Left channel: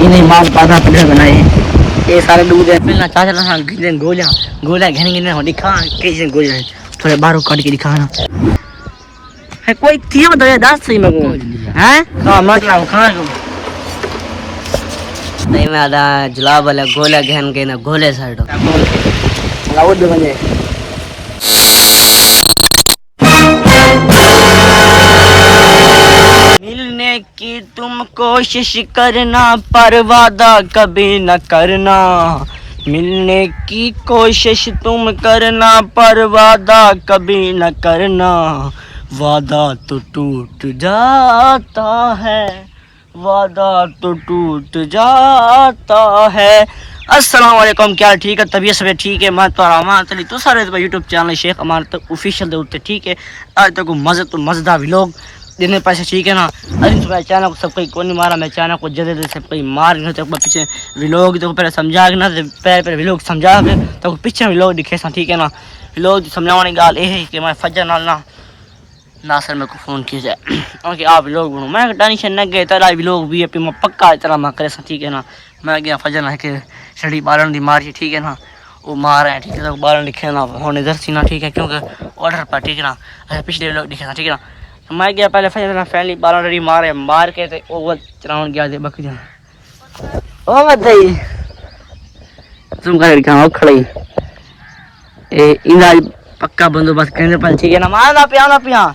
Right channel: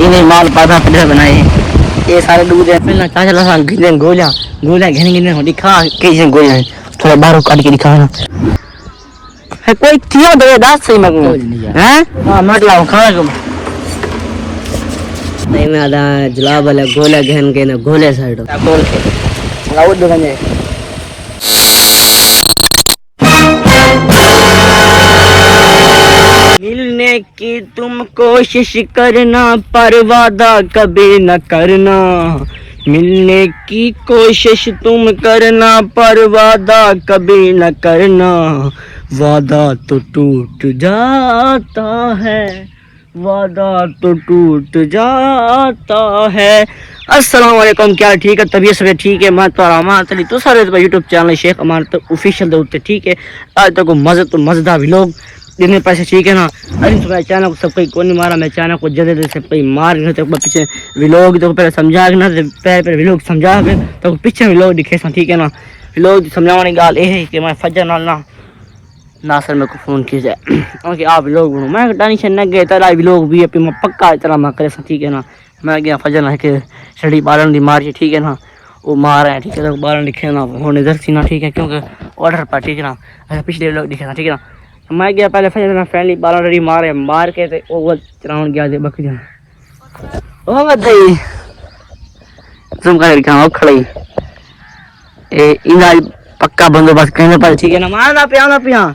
इन्हें माल पादा प्लेयर बनाए ये सारे दूध है पहला चाचा लगा गिने गोलियां गोलियां घने घने हो दिखा कैसे गोलियां थोड़ा बाहर काट के दिखा ना है कोई क्यों दे दास सही मत हैं हां मतलब खाना को नहीं मैं आधा जुलाब वाला गोला घन के ना गोले साइड बोल के लाओ दो बने मिलने की तुम कोशिश करना पर वादा कभी न करना मिलने की कोशिश तुम करना पर वादा कभी न करना वादा तो टूट जाता है वादा तो टूट जाता है। अस्सलाम वालेकुम क्या ठीक है तबीयत सब ठीक है मैं तो अमान चली तो सारे यूट्यूब चैनल शेख अमान तो ऑफिशियल दे उत्ते ठीक है आज तक मज़े तो मज़ेदार व्लॉग देने पैसे ठीक है ना अरे तुम्हारे चैनल को सब कोई कौन नहीं मारा मैं चैनल को जल्दी से कोई मार ना तो पीछे व्लॉग तो पहले समझा ना पहले व्लॉग समझा तो पीछे व्लॉग दिखे ठीक है ना व्लॉग समझाने गाल ये है कि मैं फजर ना सर मेरे को फ़ोन किया जाए क्योंकि आप लोग मैं टेंशन न गए तेरा व्लॉग भी अपनी मैं पक्का तरह मैं करे ठीक है ना मैं गया फजर ना के छड़ी बालन दी मारी ठीक है ना वो मार है ठीक है तो बालन दिखे ना होने इधर सी ना ठीक है क्योंकि ऑर्डर पर ठीक है ना अच्छा पिछले व्लॉग दिखे ना ठीक है ना मैं गया पहले फजर ना फैमिली बालन रही मार के तो वो चलावन गया बक जा ओ दई तुम कर क्या खड़े ए इंदा पक्का बंदोबस्त कहने पर ठीक है ना मारना पिया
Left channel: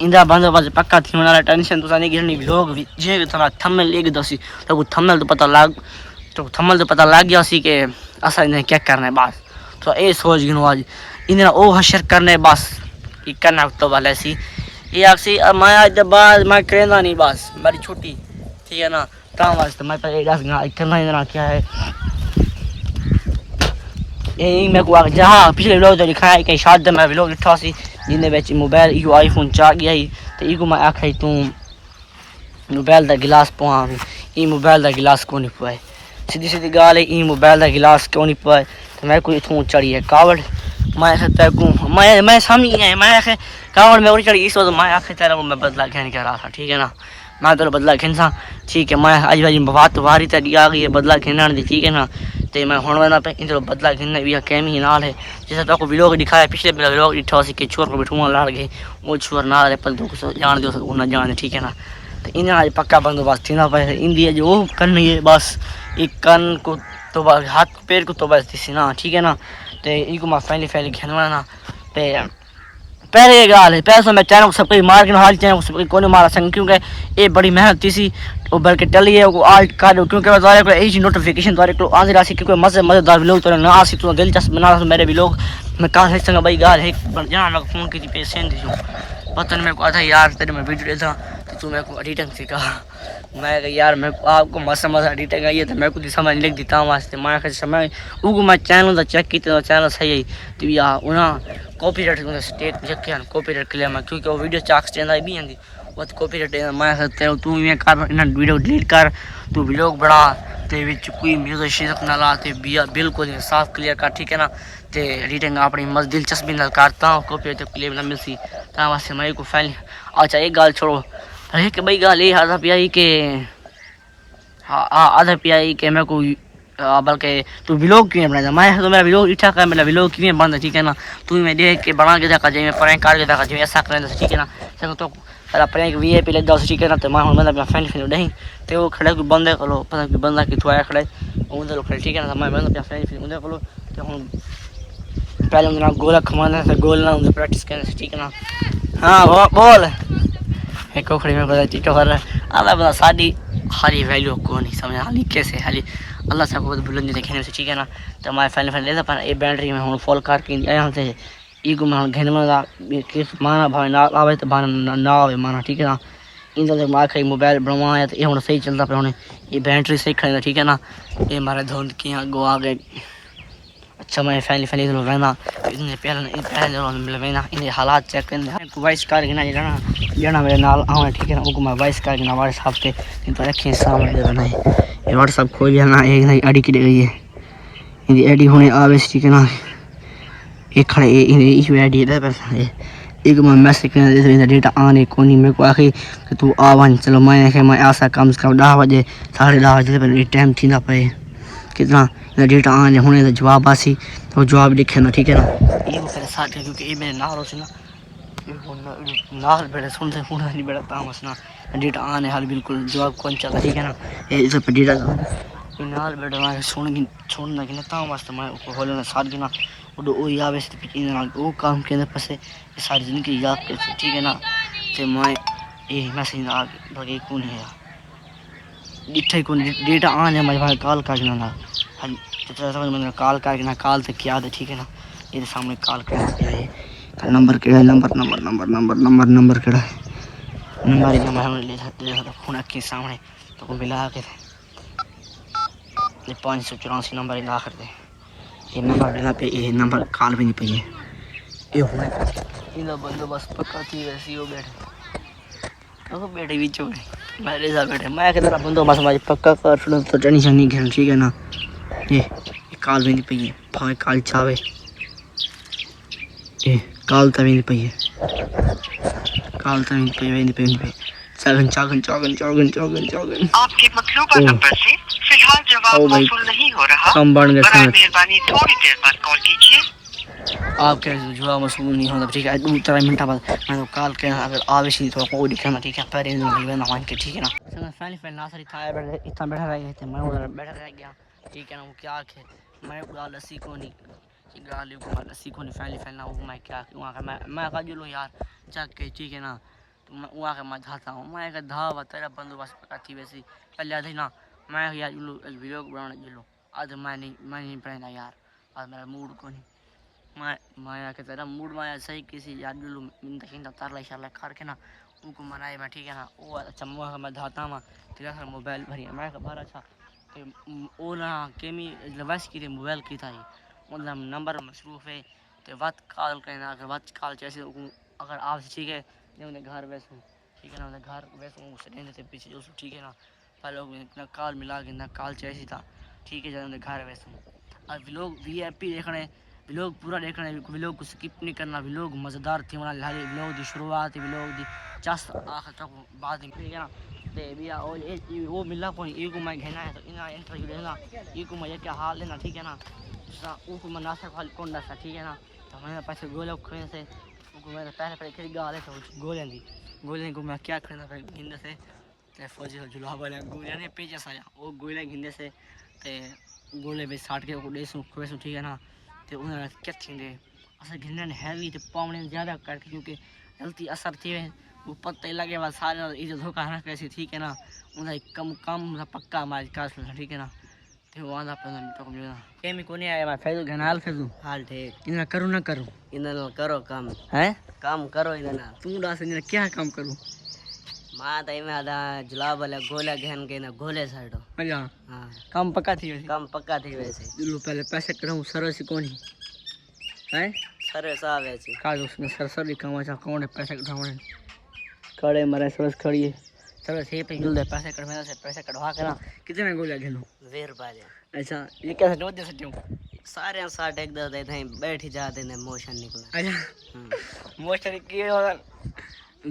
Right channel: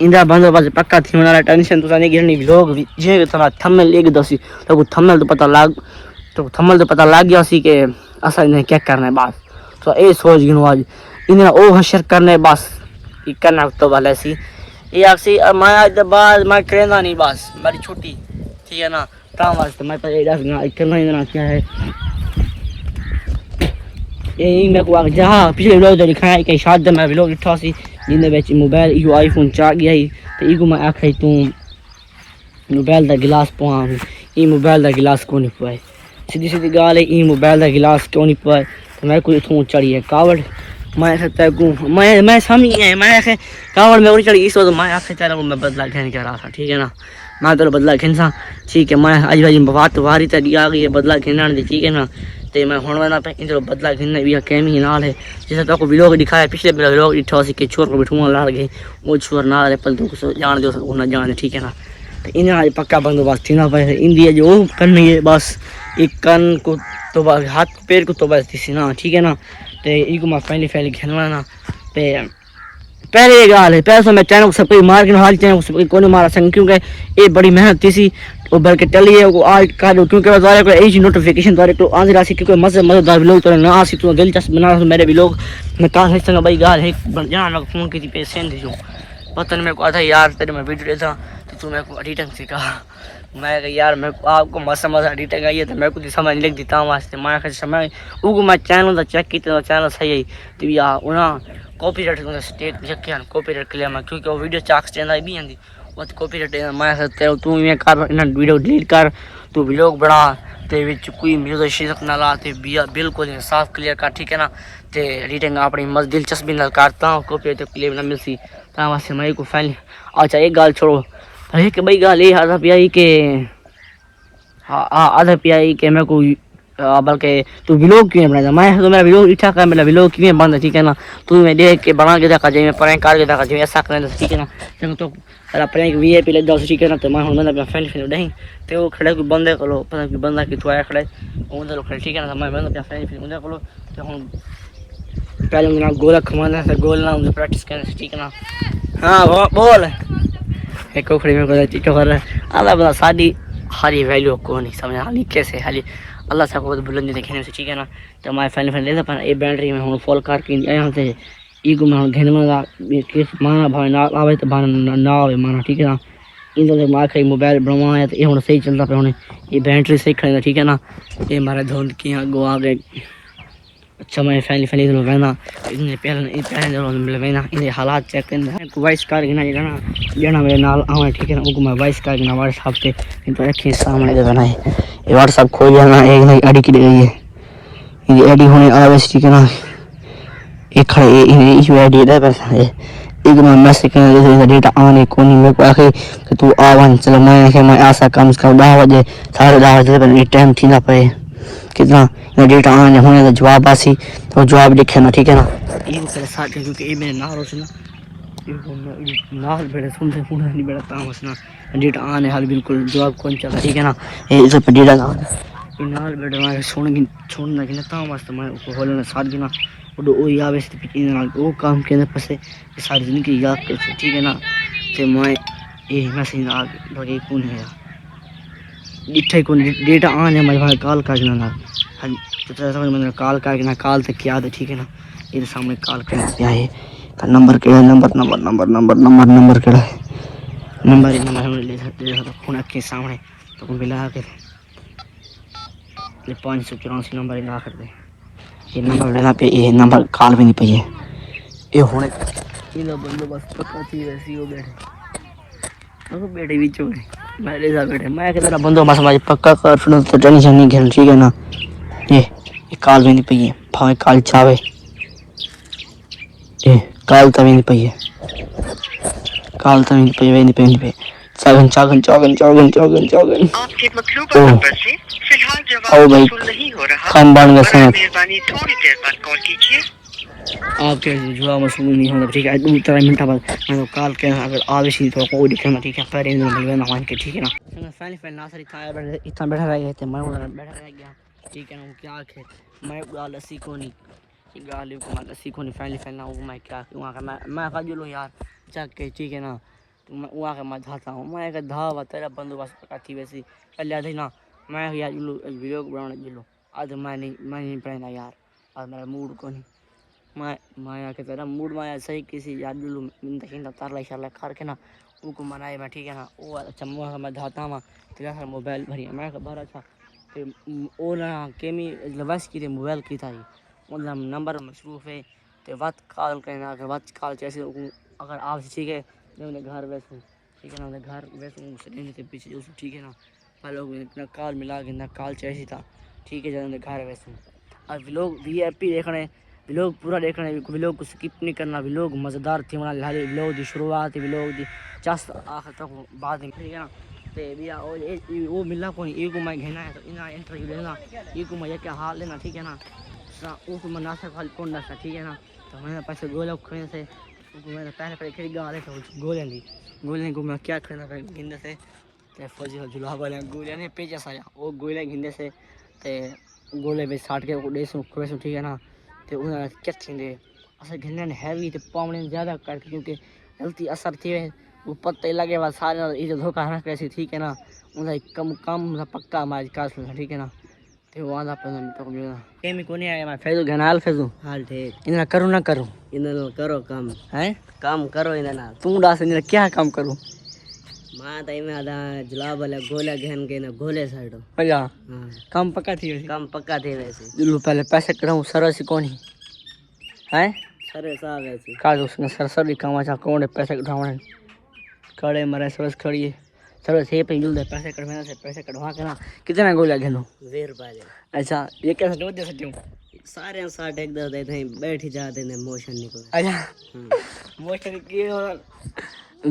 इंदा बंदोबस्त पक्का थी वाला टेंशन तो नहीं गिरनी लोग जे थोड़ा थंबनेल लिख दसी तो थंबनेल तो पता लग गया सी के असा इन्हें क्या करना है बस तो ये सोच गिनो आज इन्हें ओ हशर करने बस ये करना तो भले सी ये आखसी मैं आज बाद मैं करेंदा नहीं बस मेरी छुट्टी ठीक है ना काम वास्ते मैं पर 10 गाना करना इन्हें क्या है ये मेरे को जहाँ पिछले व्लॉग तो दिखाया कि शायद मैं व्लॉग लिखा सी जिन्हें बेच मोबाइल यो आईफोन 4 गया ही तो इको मैं आखी तू मोबाइल का गिलास पवा ई मोबाइल का गिलास क्यों नहीं पाए सीधी गाल है ई मोबाइल का गिलास क्यों नहीं पाए तो मैं कोई इतों चढ़ी है कावड़ मैं समझ गया मैं आखे कावड़ में उड़ी चढ़ी इस तो मैं आखे तेरा को मैं बदला घेन के रहा था ठीक है ना मैं तो बदला घेनसा ठीक है मैं आज भाई बात वारी तक आ गई है बदला घेना ठीक है ना तो मैं हूँ वाला पे इन बदला घेना भी कैमी नाल है जैसे तो व्लॉग दिखाया पिछले व्लॉग दिखा सी कि छोर को बिठूंगा लड़ गए वो छोर ना रहे पर तो जान दो ना जाने ठीक है ना तो इन्हें आज पक्का बंदोबस्त थी ना पे इंडिया जो करनी है बस एक कन को तो बस हाथ पैर को तो बस थी ना ठीक है ना तो इको मैं फैली खेलना ना तो पहले गाल है पैसों में चैनल को सब कोई मार के हाल चैनल को सब कोई मारा संग क्योंकि ये बड़ी मेहनत थी सी और बल्कि टली है वो आज का क्योंकि द्वारा को एज नोटिफिकेशन द्वारा को आंधी राशि क्योंकि मजेदार व्लॉग तो ना आसी तो दिलचस्प बना मेरे व्लॉग मैं कहाँ से संग भाई गाल है जाना लग फोन की पे सेंड दीजो पता नहीं मेरे को आता यार तेरे में वीडियो देखा तो तू मेरे को एडिटिंग सिखा मैं यार मेरे को आपको मस्त एडिटिंग आई है तो मेरे को समझ लिख देता हूँ वास्ते मैं समय उगो मैं चैनल चेक किया चैनल सही है तो यार उन्हें कॉपीराइट स्टेट चेक किया कॉपीराइट क्लियर मैं क्योंकि वो वीडियो चाक चेंदा भी आंदी वो कॉपीराइट मैं तेरे तू इवें कर इन वीडियो डिलीट कर तू व्लॉग बना ते विच कोई म्यूजिक शिजक ना ला ते बिल्कुल साफ क्लियर कर ठीक है ना ते एडिटिंग अपनी मस्त दिलचस्पी नाल करता हूँ कॉपीराइट तो क्लियर ना मिलसी ता वास्ते मैं को फाइल अच्छा एक गाल छोड़ो एक भाई गाल ये आधा पिया के हाँ आधा पिया के मेरे को बल्कि तू व्लॉग क्यों बनाया मैं तो मेरा व्लॉग इच्छा कर मेरा व्लॉग क्यों बनता ठीक है ना तू मैं देख के बना के देखा जाए मैं प्रैंक कर के देखा जाए ऐसा करें ठीक है ना तो प्रैंक VIP लग जाओ ठीक है ना तो मैं मैं अपना फ्रेंड फिल्म नहीं तो वो खड़े को बंदे करो पता कि बंदा कि तू आया खड़े उधर खड़े ठीक है ना मैं अपना फ्रेंड फिल्म उधर करो तो हम पहले उनका गोला खमाना है गोल ना उन्हें प्रैक्टिस करना ठीक है ना हाँ बोल एक को खड़ी में पता टीचर कर रहा है अल्लाह बता साड़ी हरी वैल्यू को नहीं समझ हाली कैसे हाली अल्लाह साहब को बुलंदी देखे से ठीक है ना तो हमारे फाइनल लेता पर ये बैटरी में हम फॉल करके यहाँ से ईगो में घेन में माना भाई ना आवे तो भाना ना आवे माना ठीक है ना इन तो मार खाई मोबाइल बनवाया तो ये हम सही चलता पे होने ये बैटरी सही खड़ी ठीक है ना ये हमारे धुंध की यहाँ गो आ गए अच्छा मैं फैली रहना इतने पहले रहना इन हालात चेक करना वॉइस कर गिना जना मेरे नाल आवे ठीक है ना उनको मैं वॉइस कर गिना व्हाट्सएप पे इन तो रखी सामने देना है ये व्हाट्सएप खोल जाना एक नई आईडी की गई है ये आईडी होने आवे ठीक है ना एक खड़े ये आईडी है पैसा एक मैं मैसेज करना डेटा आने को नहीं मेरे को आखे कि तू आवन चलो मैं आशा कम से कम 10 बजे 10:30 बजे पर टाइम थी ना पे कितना ये डेटा आने होने का जवाब आसी तो जवाब लिखे ना ठीक है ना ये को पहले साथ क्योंकि ये मेरे नाल होसी ना ये नाल बेड़े सुनते नहीं बेड़ा तामस ना डेटा आने हाल बिल्कुल जवाब कौन चला ठीक है ना ये इस पे डेटा ना ये नाल बेड़े मैं छोड़ना कि ना तामस मैं को होलना साथ गिना वो यावे से इन नाल वो काम के पसे सारी जिंदगी याद करते ठीक है ना ते मैं ये मैसेज आ लगे कौन है इट्ठे कौन डेटा आने मैं भाई कॉल का ना हम तो समझ मैंने कॉल का ना कॉल तक याद है ठीक है ना ये सामने कॉल करना क्या है का नंबर केड़ा नंबर केड़ा है नंबर हम ले तो फोन के सामने तो मिला के ये 584 नंबर इन आखिर दे ये नंबर लेना पे ये नंबर कॉल भी नहीं पे ये होने इना बंदोबस्त पक्का थी वैसी हो बैठे अब बैठे भी चोरे मेरे साथ बैठे मैं कितना बंदोबस्त हमारी पक्का कर सुनो तो टेंशन नहीं घेर ठीक है ना ये काल भी नहीं पई है भावे काल चावे ये काल तभी नहीं पई है काल तभी नहीं पई वे नहीं पे चागन आपके मतलूबा नंबर से फिलहाल जवाब मौसूल नहीं हो रहा। कम बन गए सर मेहरबानी थोड़ी देर बाद कॉल कीजिए। आपके जवाब मौसूल नहीं होगा ठीक है 2-3 मिनट बाद मैं तो कॉल के अगर आवेशी तो कोई दिक्कत नहीं ठीक है पर इन मिलवे ना मान के ठीक है ना संग फैन ना सारी खाए बैठे इतना बैठा रह थे मैं बैठा रह गया ठीक है ना वो क्या खे मैं गाल सी कोनी गाल को मार सी कोनी फैन ना वो मैं क्या वहां का मैं का दिलो यार चक के ठीक है ना तो मैं वहाँ का मैं धाता हूँ मैं एक धावा तेरा बंदोबस्त पका थी वैसी कल याद है ना मैं यार वीडियो बनाने जिलो आज मैं नहीं पढ़ना यार आज मेरा मूड को नहीं मैं के तेरा मूड में सही किसी यार जिलो मिंदा तारला शाला खा के ना उनको मनाए मैं ठीक है ना वो अच्छा वहाँ मैं धाता हूँ तेरा सर मोबाइल भरी मैं भरा था तो वो ना केमी वैस की मोबाइल की था मतलब नंबर मसरूफ़ है तो बात कॉल करना अगर बात कॉल जैसे अगर आप ठीक है उन्हें घर वैसूँ ठीक है ना उन्हें घर वैसूँ सेकंड से पीछे उस ठीक है ना पहले लोग इतना कॉल मिला के ना कॉल चाहिए था ठीक है जब उन्हें घर वैसूँ और व्लॉग VIP देखने व्लॉग पूरा देखने व्लॉग को स्किप नहीं करना व्लॉग मज़ेदार थी मना लाले व्लॉग की शुरुआत व्लॉग की जस्ट आखिर तक बाद में ठीक है ना तो भैया वो मिला कौन ये को मैं घेना है तो इना इंटरव्यू लेना ये को मैं क्या हाल लेना ठीक है ना उनको मैं नाशा खाल कौन नाशा ठीक है ना तो मैंने पैसे गोला खोने से उनको मैंने पहले खड़ी गाले तो गोले को मैं क्या करना था गिंदे से ते फौजी जुला वाले गोले ने पेचा साया वो गोले गिंदे से ते गोले पे साट के देसू खोसू ठीक है ना ते उन्हें क्या थींदे असल गिंदे ने हैवी ते पावने ज्यादा करके क्योंकि गलती असर थी वो पत्ते लगे बाद सारे इधर धोखा ना कैसी ठीक है ना उन्हें कम पक्का मार काट ठीक है ना ते वो आधा पता नहीं तो मुझे केमी कोनी आया मैं फेजू घनाल फेजू हाल ठीक इन्हें करूँ ना करूँ इन्हें करो काम हैं काम करो इन्हें ना तू डास इन्हें क्या काम करूँ माँ तो इन्हें आधा जुलाब वाले गोले घेन के ना गोले साइडो अच्छा हाँ काम पक्का थी वैसे दिल्लू पहले पैसे कराऊँ सरस कोनी हैं सर साहब ऐसी काज उसने सरसरी काम अच्छा कौन पैसे कढ़ाने खड़े मरे सरस खड़ी सर से पे जुल दे पैसे कढ़वा के ना कितना गोला घेनो 20 रुपए अच्छा ये कैसे दो दे सकते हूँ सारे 60 10 देते हैं बैठ ही जाते ने मोशन निकला अच्छा मोशन की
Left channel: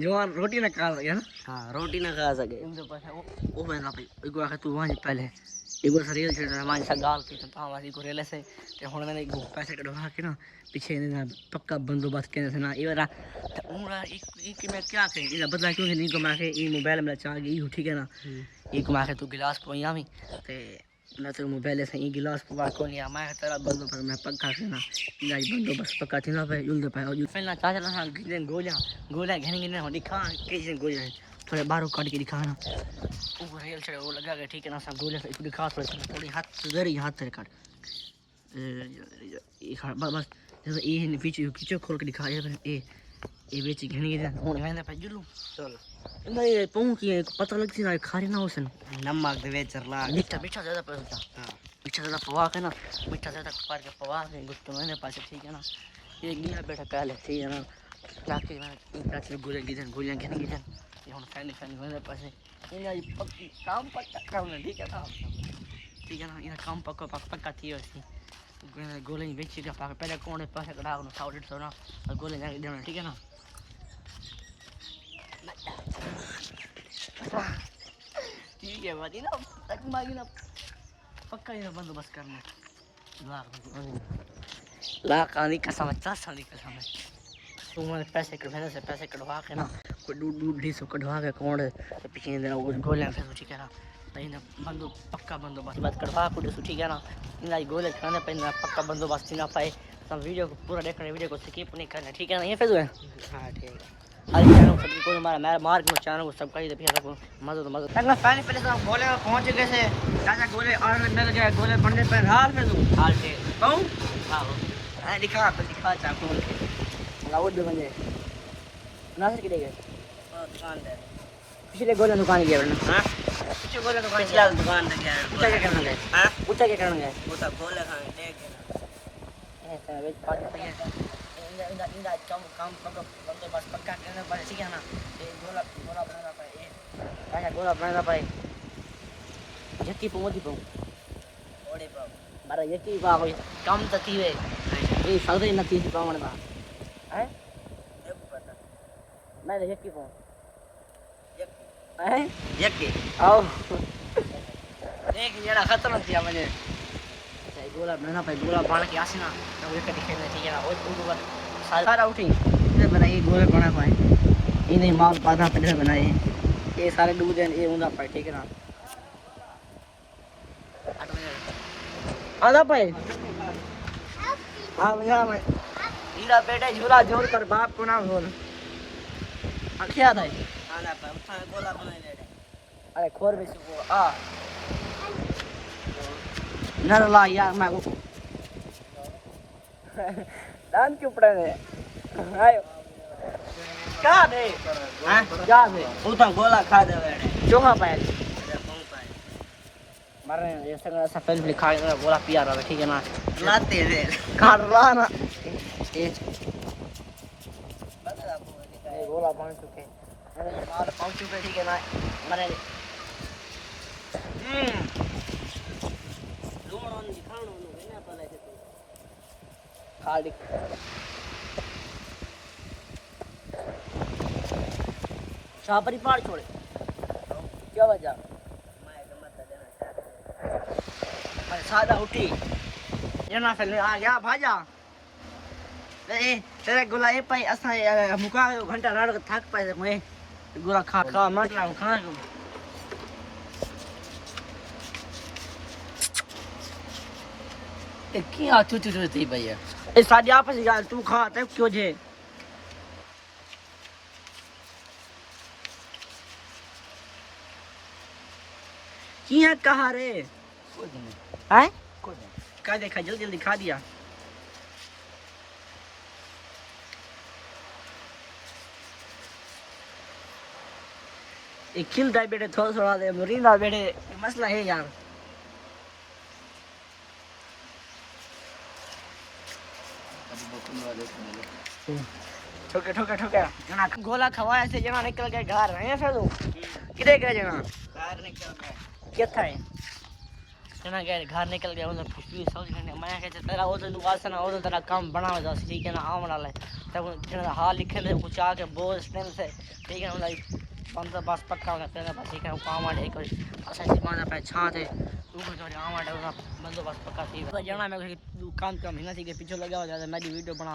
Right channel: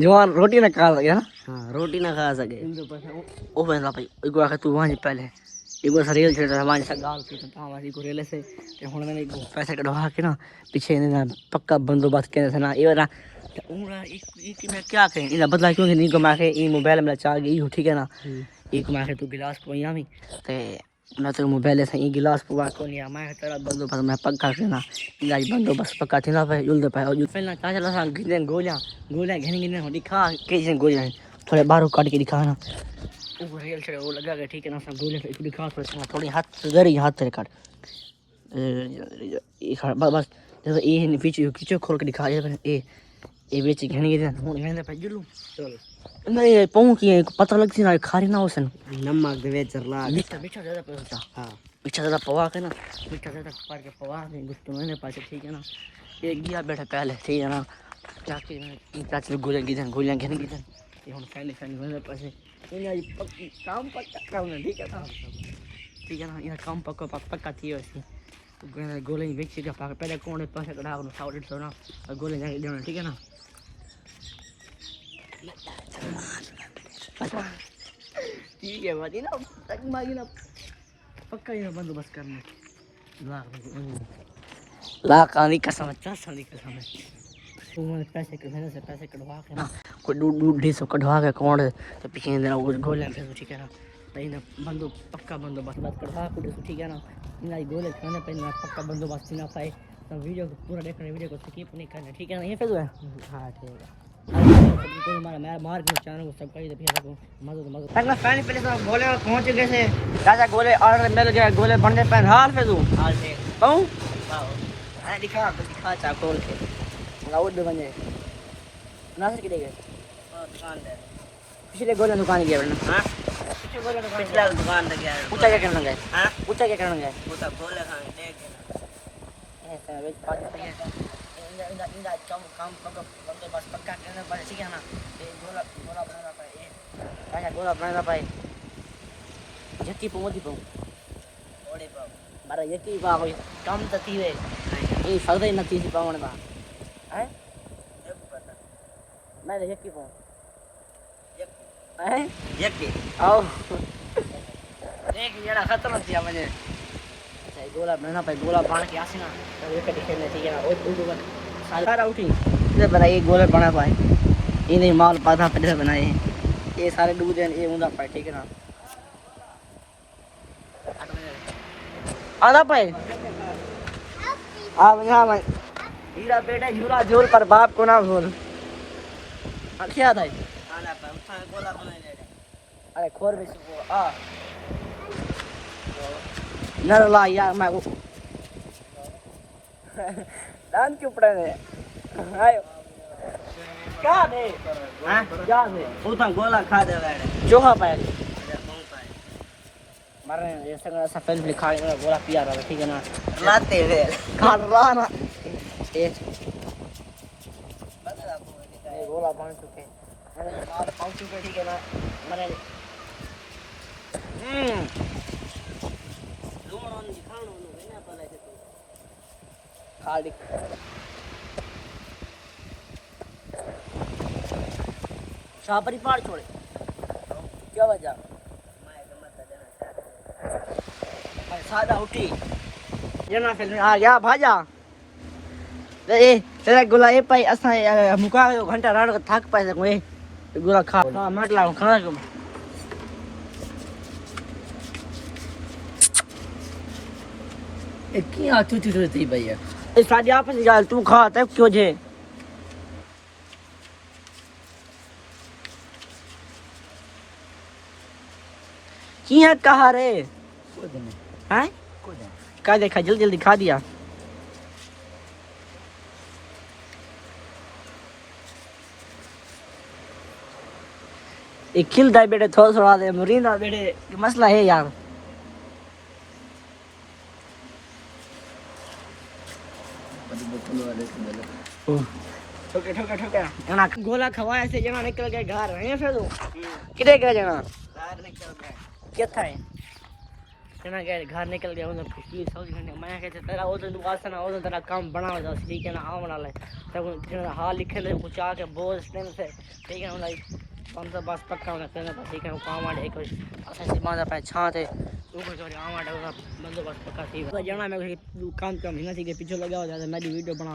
जवान रोटी ना खा सके ना हाँ रोटी ना खा सके ओ पैसा भाई एक बार तू वहां पहले एक बार रेल चढ़ रहा हमारे साथ गाल की तो हमारी को रेल से ते हुन मैंने पैसे कढ़वा के ना पीछे ना पक्का बंदोबस्त के ना ये वाला तो उड़ा एक में क्या कहें इला बदला क्यों नहीं को माके ई मोबाइल में चार्ज गई हो ठीक है ना एक माके तू गिलास पोया में ते ना तो मोबाइल से ई गिलास पुआ को नहीं मैं तेरा बंदोबस्त मैं पक्का के ना इला बंदोबस्त पक्का थी ना भाई जुल दे पाए और फिर ना क्या चला सा गिन गोलियां घेने हो दिखा कैसे गोलियां थोड़े बाहर काट के दिखा ना वो रेल चढ़े वो लगा के ठीक है ना सब गोलियां से दिखा थोड़ी हाथ जरी हाथ से काट बस ये पीछे खोल के दिखा ये बेची घनी के हूं मैं पे जुलू चल नहीं पाऊं की पता लगती ना खारी ना होसन नमक दे वेचरला मीठा ज्यादा पड़ता हां मीठा ज्यादा पवा के ना मीठा ज्यादा पार के पवा के गुस्सा मैंने पास ठीक है ना ये गया बैठा पहले ठीक है ना क्या कि ना इन काच गोलियां घेने ये हुन फैन मैंने पास इन काम पक्का ना ठीक है ना इन काम पक्का थी वैसे गोले बेची का पहले कौन पैसे कढ़ा 100 150 ना गोले जाके देना ठीक है ना ठीक है भाई ना मांगी ना पक्का ही ना बंदोबस्त करना लाख आने कसम है 10 साल की कसम है तुम पैसे कढ़वाने से पैसे कढ़वा के ना कोई 250 कढ़वा के अकाउंट तो पीछे देना वो गोले फिर ठीक है ना नहीं ना बंदो पक्का बंदोबस्त बात कढ़वा को ठीक है ना इन गोले खाने पे ना पक्का बंदोबस्त ना पाए तो वीडियो को पूरा देखना वीडियो को स्किप नहीं करना ठीक है ना ये फिर हाँ ठीक है को हमारा मार्क में चैनल को सब्सक्राइब कर फिर को मजा तो मजा तक फाइनली पहले सब गोले में पहुंच गए से राजा गोले ऑर्डर मिल गया गोले बनने पे हाल पे तू हाल से कहूं वाह अरे दिखा चा खोल के लगाओ दो बने ना से किधर गए दुकान पे पिछले गोले दुकान गए ना हां पिछले गोले दुकान पिछले दुकान पे गया ऊंचा क्या करना गए हां ऊंचा क्या करना गए वो तो गोले खाने देख ऐसा एक पार्टी पे इंदा काम बंदोबस्त पक्का करना पड़े ठीक है ना ये गोला गोला बनाना पड़े ये क्या गोला बनाना पड़े यकी पोदी पो ओडे पो बारा यकी बा कोई काम तो थी वे ये सौदे न थी पावण बा हैं ये पता मैं यकी पो हैं यकी आओ देख जरा खत्म किया मैंने अच्छा गोला बनाना पड़े गोला बन के आसी ना तो ये दिखे नहीं ठीक है ना वो सारा उठी इधर बनाइए गोले बना पाए इन्हें माल पाधा पे बनाए ये सारे डूब दे ये उंदा पाए ठीक है ना आधा पाए आप यहाँ भाई हीरा बेटा झूला झूल पर बाप को ना भूल क्या था गोला बनाए अरे खोर भी आ नर ला यार मैं को दान क्यों पड़े रे आयो क्या बे हैं क्या बे उठा गोला खा दे जो खा पाए मारे ये सफेद लिखा है गोला पिया रहा ठीक है ना लाते वे खा रहा ना ये गोला पहुंच चुके मार पहुंच चुके ठीक है ना मारे लोमरान दिखानो ना पहले से खाली शापरी पाड़ छोड़े क्या वजह मैं सादा उठी ये ना फिर आ गया भाजा ए तेरा गोला ए पाई असा मुका घंटा रात थक पाए को ए गोला खा मत ला खाना को ए क्या तू थी भैया ए साडी आपस जाल तू खा तब क्यों जे किया कहा रे हैं क्या देखा जल्दी जल्दी खा दिया एक खिल दाई बेटे थोड़ा थोड़ा दे मुरीदा बेटे मसला है यार ठोके ठोके ठोके जना गोला खवाया से जना निकल गए घर हैं फिर किधर गए जना घर निकल गए क्या था जना गए घर निकल गए उधर पुलिस समझ गए मैं कहते तेरा वो तो दुकान ना वो तेरा काम बना हुआ ठीक है ना आम वाला तब जना हाल लिखे ले कुछ आके बोल स्टेम से ठीक है ना पंद्रह बस पक्का होना तेरे पास ठीक है काम वाले एक असल माना पे छा थे ऊपर जो आम वाले ना बंदोबस्त पक्का थी जना मैं काम का महीना थी के पीछे लगा हो जाता मैं वीडियो बना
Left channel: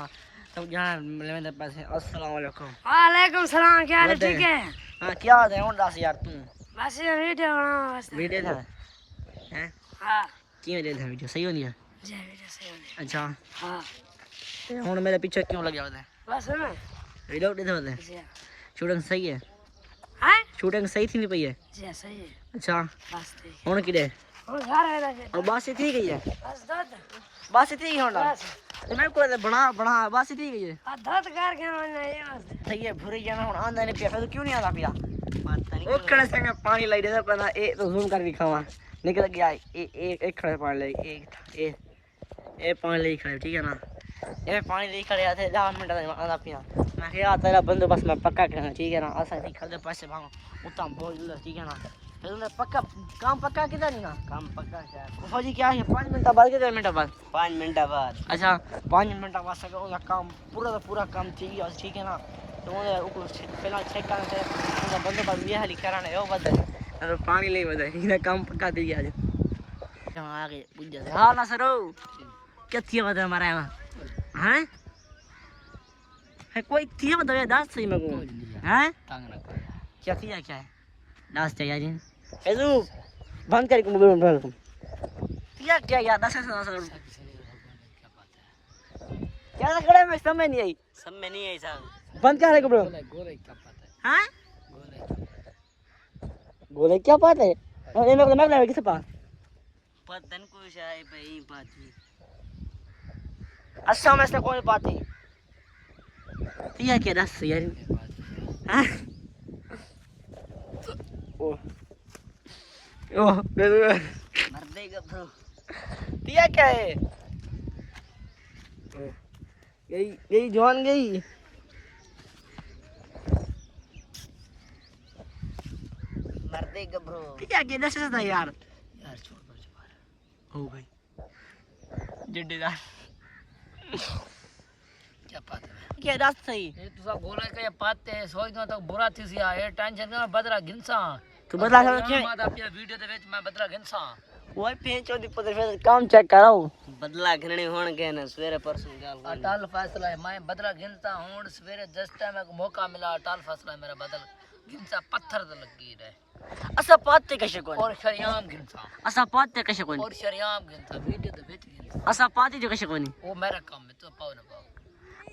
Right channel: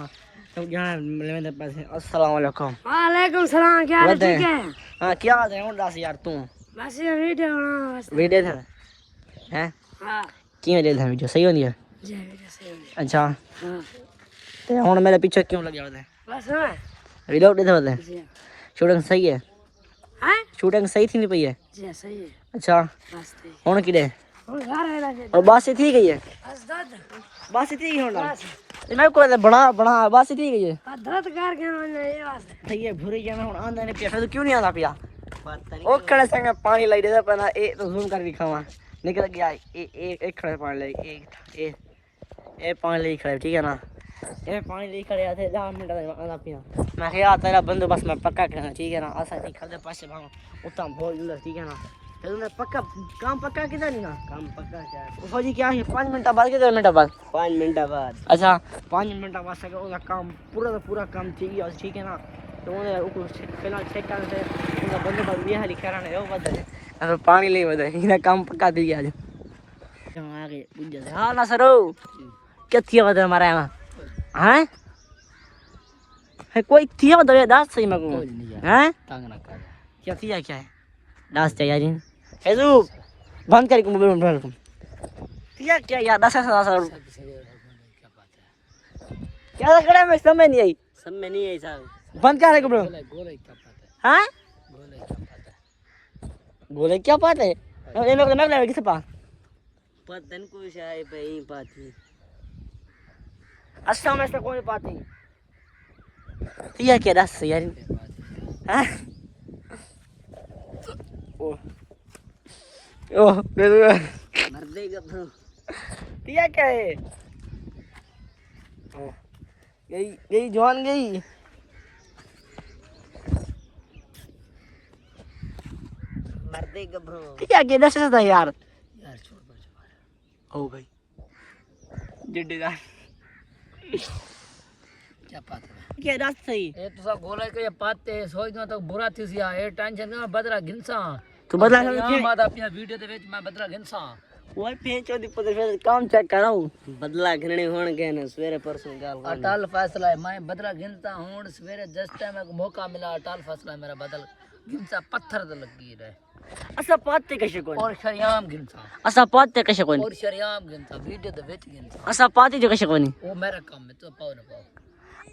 तो जना मेरे पास अस्सलाम वालेकुम वालेकुम सलाम क्या हाल ठीक है हां क्या बात है उड़ास यार तू बस ये वीडियो बना बस वीडियो था हैं हां क्यों ले था वीडियो सही होनी है जी वीडियो सही होनी अच्छा हां ते हुन मेरे पीछे क्यों लग जाता है बस है रिलोड दे बोले जी शूटिंग सही है हां शूटिंग सही थी नहीं पई है जी सही है अच्छा बस हुन किदे और घर है ना और बात थी गई है बस दद बस थी हुन ये मैं को बना बना बस थी गई है दद घर के ना ये बस सही है भूरी जाना हुन आंदा नहीं पिया तो क्यों नहीं आंदा पिया ओ कड़े संग पानी लाई दे पना ए तो जूम कर दिखावा निकल गया एक खड़े पानी लाई ए पानी लाई खड़े ठीक है ना ये पानी लाई खड़े आते 10 मिनट में आंदा पिया मैं कहा तेरा बंदोबस्त मैं पक्का करना ठीक है ना आसा निकल दे पासे भागो उतना बोल ठीक है ना तुमने पक्का काम पक्का किधर नहीं ना काम पक्का क्या है फौजी क्या है 5 मिनट बाद कितने मिनट बाद 5 मिनट बाद अच्छा 5 मिनट बाद सके उसका काम पूरा का पूरा काम ठीक है ना तो उन्हें ऊपर फिलहाल चेक करने से उनका बंदोबस्त भी है लिखा रहना है वो बदले अगर पानी ले बदले इन्हें काम पका दी आज यहाँ आगे पूछ जाते हाँ ना सरो क्या थी बदले हमारे यहाँ हाँ है कोई थी बदले दास सही मैं कहूँ हैं क्या किया क्या है दास चाहिए जी हेजू बंद कर मोबाइल में ढूंढ किया क्या यार 10,000 क्या लग रहा है मैं समझ नहीं आई साहब बंद क्या है गोले हाँ गोले क्या बात है अरे मैं किसे पास पतन को शायद भाई पाती अच्छा में से कोई पाती ये क्या दस यार हाँ ओ मैं तो मर देगा ब्रो दिया क्या है गई गई जवान गई मर देगा ब्रो क्या क्या दस था यार छोड़ दो ओ भाई जिड्डेदार क्या पाता है क्या दस सही ए तो सब गोला के पाते सोचना तो बुरा थी सी ए टेंशन ना बदला गिनसा तू बदला के बाद अपनी वीडियो दे विच मैं बदला गिनसा ओए पे चौदी पता फिर काम चेक कराओ बदला गिनने होण के ना सवेरे परसों गाल अटल फैसला है मैं बदला गिनता हूं सवेरे 10 टाइम को मौका मिला अटल फैसला है मेरा बदल गिनसा पत्थर तो लगी रहे असा पाते कशे कोन और शरियाम गिनसा असा पाते कशे कोन और शरियाम गिनसा वीडियो दे विच गिनसा असा पाते जो कशे कोनी वो मेरा काम है तो पाओ ना पाओ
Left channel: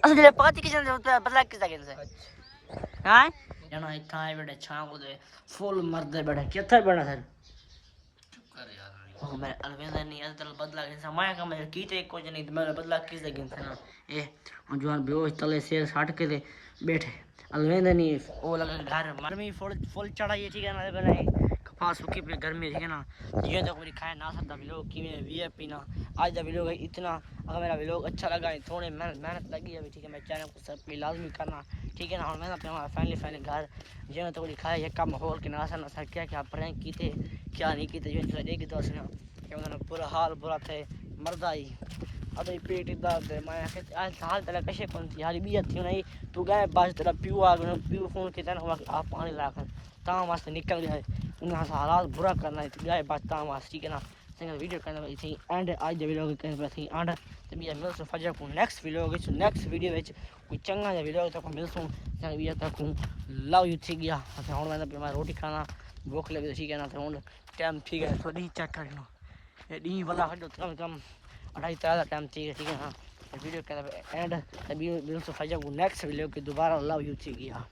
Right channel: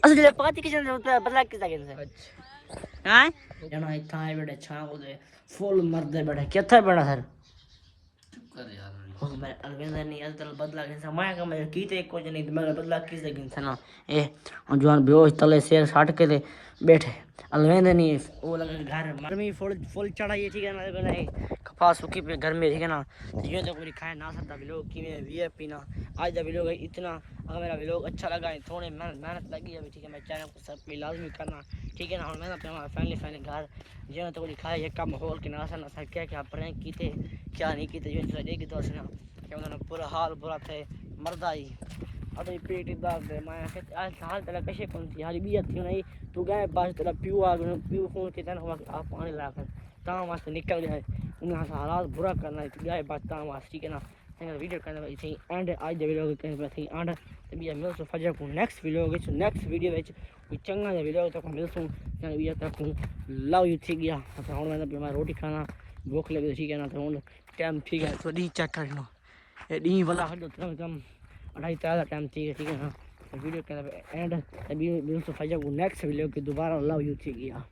असा जे पाते कशे बदला किसा के से हां जना इतना बेटा छा को दे फुल मर्द बेटा केथे बेटा सर चुप कर यार ओ मैं अलवेंदा नहीं अलतल बदला के समय का मैं कीते कुछ नहीं मैं बदला किस लगिन था ना ए और जवान बेहोश तले शेर साट के दे बैठे अलवेंदा नहीं वो लगा घर मरमी फुल चढ़ाई ठीक है ना बने कपास सूखी पे घर में ठीक है ना ये तो कोई खाए ना सकता भी लोग कि मैं वीआईपी ना आज दा लोग इतना अगर मेरा व्लॉग अच्छा लगा है थोड़े मेहनत लगी है ठीक है मैं चैनल को सब्सक्राइब लाजमी करना ठीक है ना और मैं अपना फाइनली घर जो तो कोई खाए एक कम माहौल के नासा ना सके क्या प्रैंक कीते क्या नहीं कीते जो देख दोस्त ना क्या उन्होंने पूरा हाल बुरा थे मर्दा ही अभी पेट दर्द मैं आज हाल तेरा कशे कौन थी यार भी थी नहीं तू गए पास तेरा पीऊ आ गए पीऊ फोन के तना आप पानी लाकर ता वास्ते निकल गया उन्हें हालात बुरा करना गए बात ता वास्ते ठीक है ना सिंगल वीडियो करना थी एंड आज द वीडियो के थी एंड तभी मिल सो फजर को नेक्स्ट वीडियो विच कोई चंगा दा वीडियो तक मिल सो चंगा वीडियो तक लव यू ठीक गया अच्छा हुन मैं रोटी खाना भूख लगी ठीक है ना तो हुन टाइम ठीक है तो डी चेक कर लो ये डी वाला हटो कम 2:30 टाइम ठीक है ना वीडियो के एंड तभी मिल सो फजर को नेक्स्ट वीडियो के दोबारा लव यू ठीक गया